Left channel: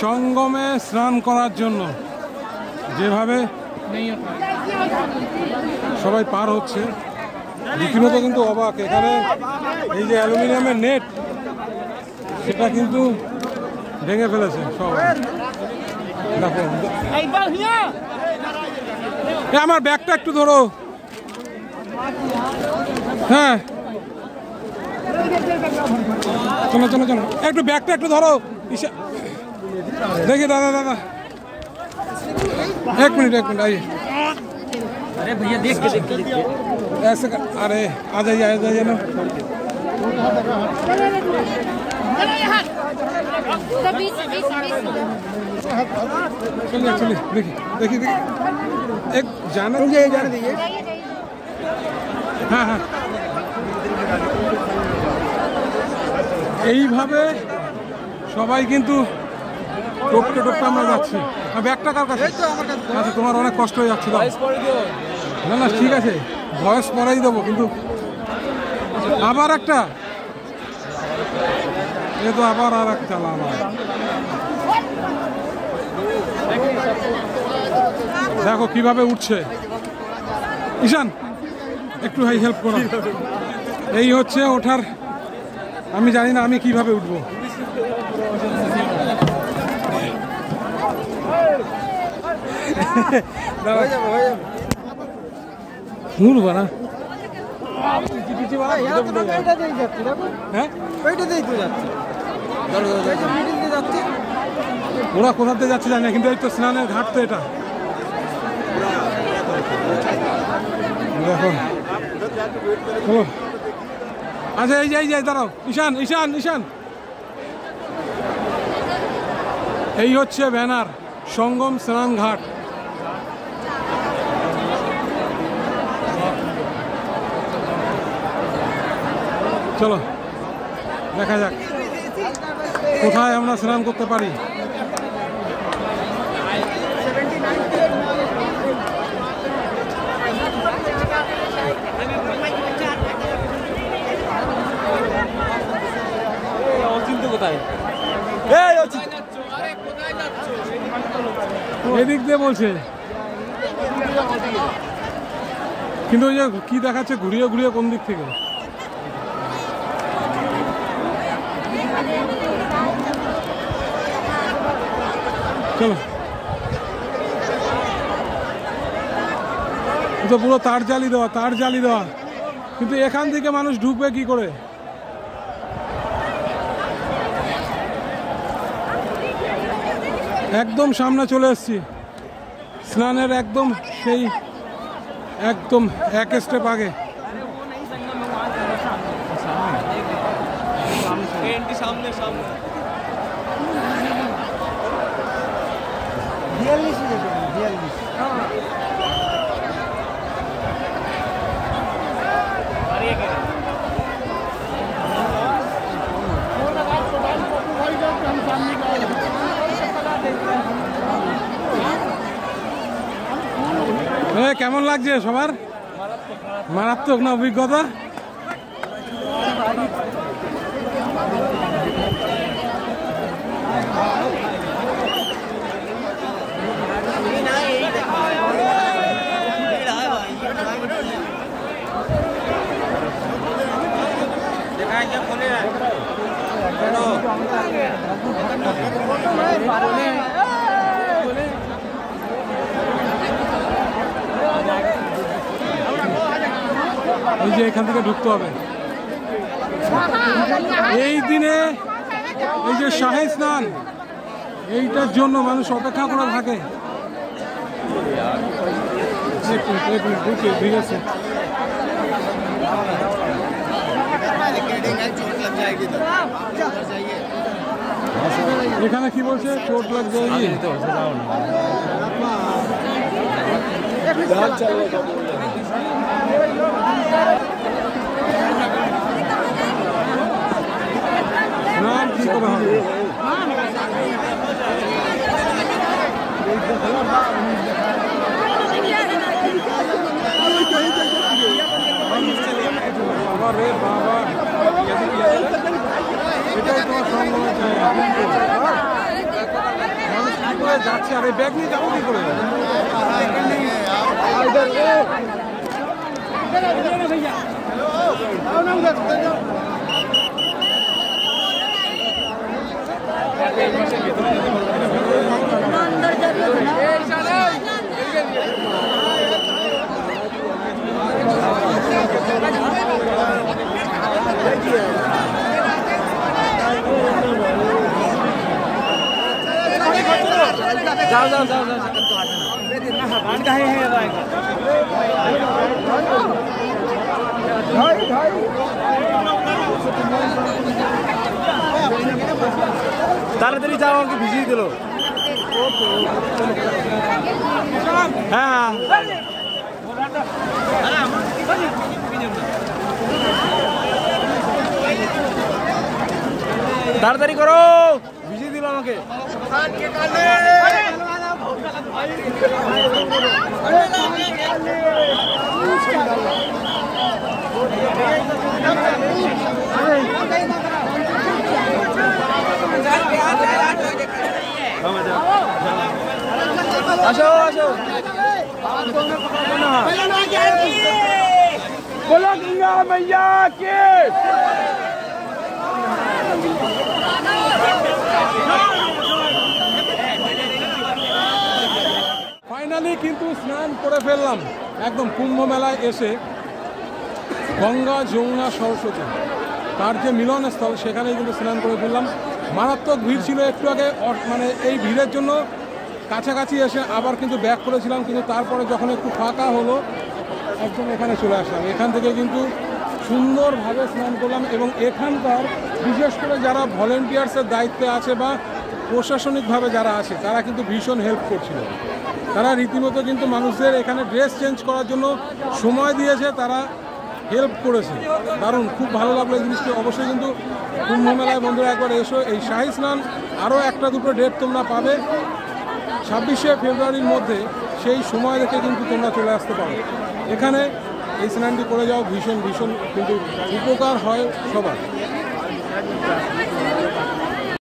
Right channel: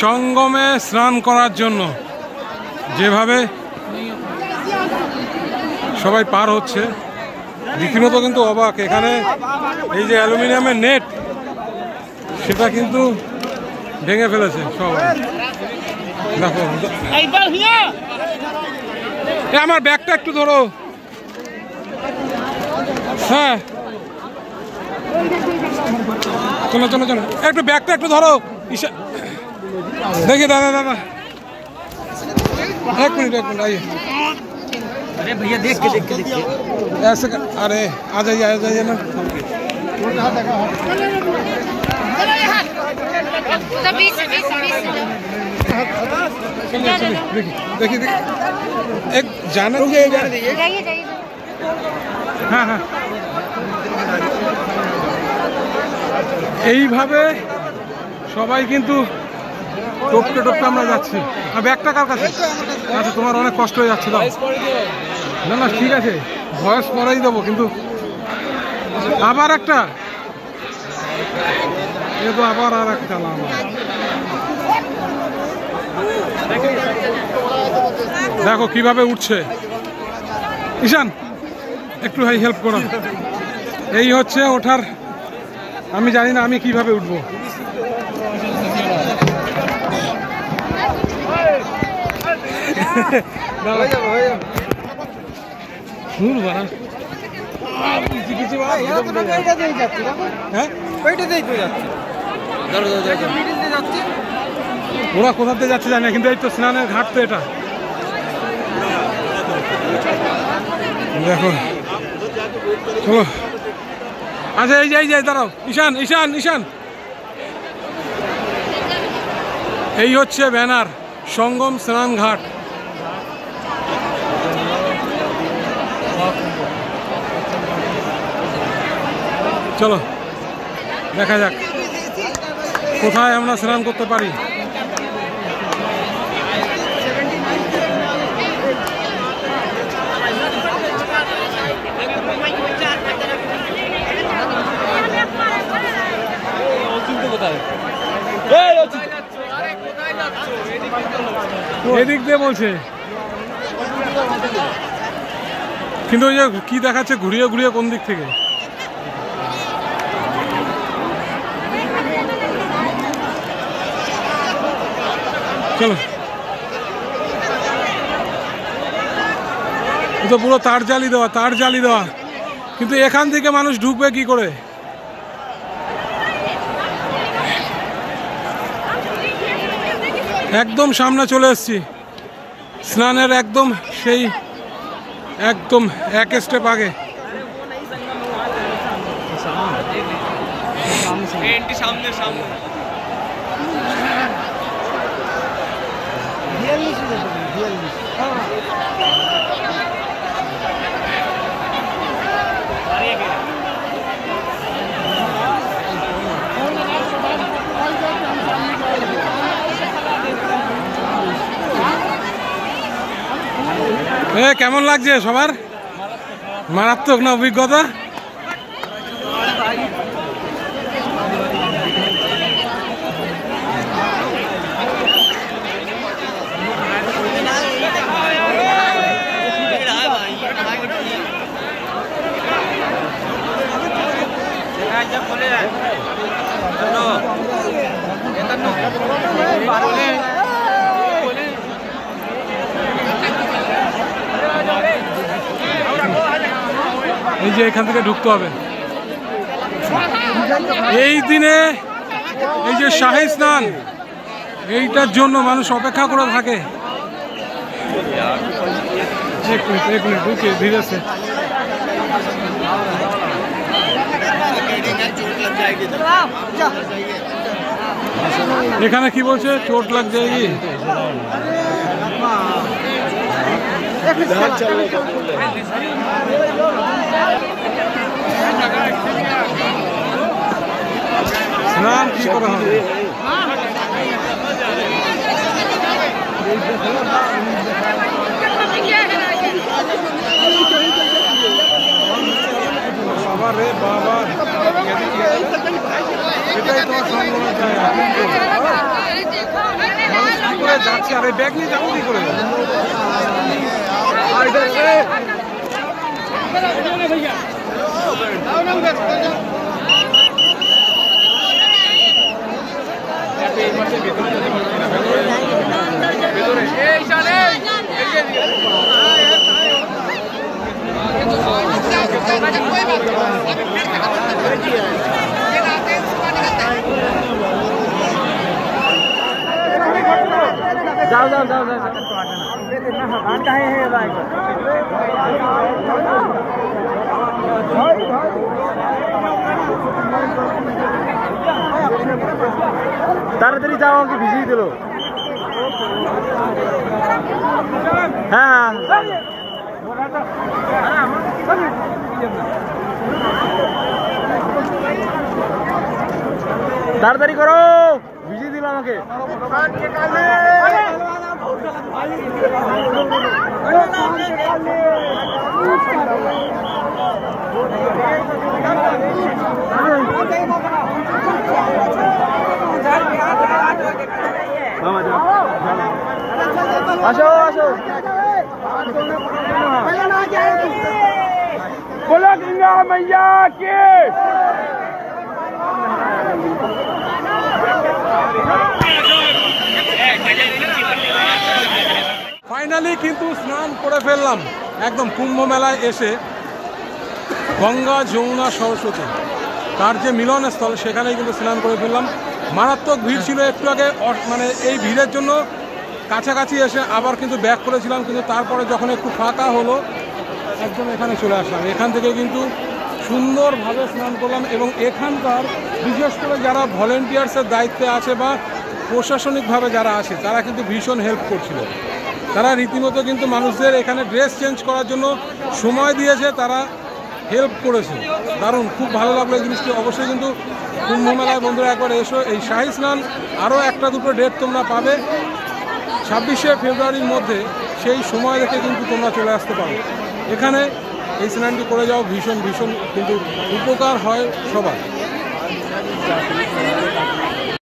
সঙ্গমে স্নান করার জন্য যেভাবে সবাই পার হচ্ছে রীতিমতো কিন্তু অবাক। এখানে এই যে অ্যালুমিনিয়ামের নেট সেটা কিন্তু ভেঙে ফেলেছে সবাই। দেখো আমার ব্যাগটা একটু ধরো। হ্যাঁ চলো চলো চলো একটু ব্যাগটা একটু ধরো। देखिए दादा दादा एक मिनट आइए। अरे भैया देख के ऐसे अरे आ जाइए ना। देखिए एक जाना दीजिए। हाँ हाँ এইভাবে সবাই কিন্তু টপকে টপকে আমরা যাচ্ছি। ব্যাগটা কার কাছে? আচ্ছা তোমার অনেক কষ্ট হয়ে যাচ্ছে দাও। না না ঠিক আছে ভয়েস পরেই দেবো, কিন্তু আবার একটা এ তো আবার আর একটা আমার। দেখো কিভাবে উঠছে। ঈশান একটু ভাই হেল্প করো। এই হচ্ছে ওঠার, আমি জানি না আমি কিভাবে উঠবো। ওরা কোথাতে যাচ্ছে জানি না, কিন্তু এই তো স্নানের ঘাট তো এটা। দেখো চলো আচ্ছা এই যাই দাঁড়াও। ঈশান ঈশান ঈশান এই হচ্ছে ব্যানার সঙ্গম স্নান ঘাট। চলো দেখা যাক কোথায় আমরা স্নান করতে পারি। এদিক দিয়ে বলছে, কিন্তু ওই যে কি দেখাচ্ছে ঘুরিয়ে ঘুরিয়ে কোন দিক থেকে। চলো তো পুরো তার জালি দেওয়া, কিন্তু এখান থেকে মানুষ ঢুকবে কি করে? একদম সামনে চলে এসেছি স্নানের, একদম সেই একদম এক স্টেপ আগে। কেমন লাগছে সবার? মারাত্মক না অভিজ্ঞতা? এই যে এখান থেকে ঢুকতে হবে। এই দিনে এই যে শাহী স্নান, এইটার জন্য মানুষ অপেক্ষা করে থাকে। এক মিনিট ঢুকে ধীরে আছে। এখানে কি বলছে? চোট লাগ যায়গি। স্নান কি করে হবে? বাবা রে বাবা, এটাই তোমার সঙ্গমের জায়গা। হয়ে যাচ্ছে, আর এই ব্যাগ নিয়ে যাবো কি করে? যাও যাও যাও যাও তাড়াতাড়ি যাও, আমাকে ভিজিয়ে দিল। হ্যাঁ তাড়াতাড়ি করো, ভিজিয়ে দিল আমাকে। আসো আসো, बोलो गंगा मैया की। ফাইনালি কিন্তু স্নান করে ফেললাম একদম কুম্ভ মেলায় এসে। গঙ্গা যমুনা সরস্বতী তার যে মিলনস্থল, সেখানেই কিন্তু স্নান করে ফেললাম। মারাত্মক ভিড় ছিল একটু আগে, মানে এই ভিড়ের জন্য কাছাকাছি এসে আবার কিন্তু ব্যাক করেছিলাম, কিন্তু তারপরে যখন একটু ফাঁকা হলো একদম এখানে চলে আসলাম। এখান থেকে কিন্তু সুন্দরভাবে স্নান করলাম, এবং এখানকার বিশেষ করে যারা ভলেন্টিয়ার্সের দায়িত্বে আছে বা প্রশাসনিকভাবে যারা আছে তারা কিন্তু ভীষণ হেল্প করছিল। তারা রীতিমতো কিন্তু মানুষদের এখানে ড্রেস চেঞ্জ করার জন্য সময় দিয়েছে, তারা হেল্প করেছে। দারুণ, খুব ভালো লাগলো এই জিনিসটি। অবশ্যই কিন্তু কুম্ভ মেলায় বন্ধুরা একবার এসো। এই শাহী স্নান আরও একটা দুটো ডেট তোমরা পাবে 26শে ফেব্রুয়ারির মধ্যে, সেই সময় দেখে কিন্তু তোমরা চলে আসতে পারো এখানে। এই স্নানটি করে যাও, ভীষণ ভীষণ কিন্তু উপকার হয় সবার।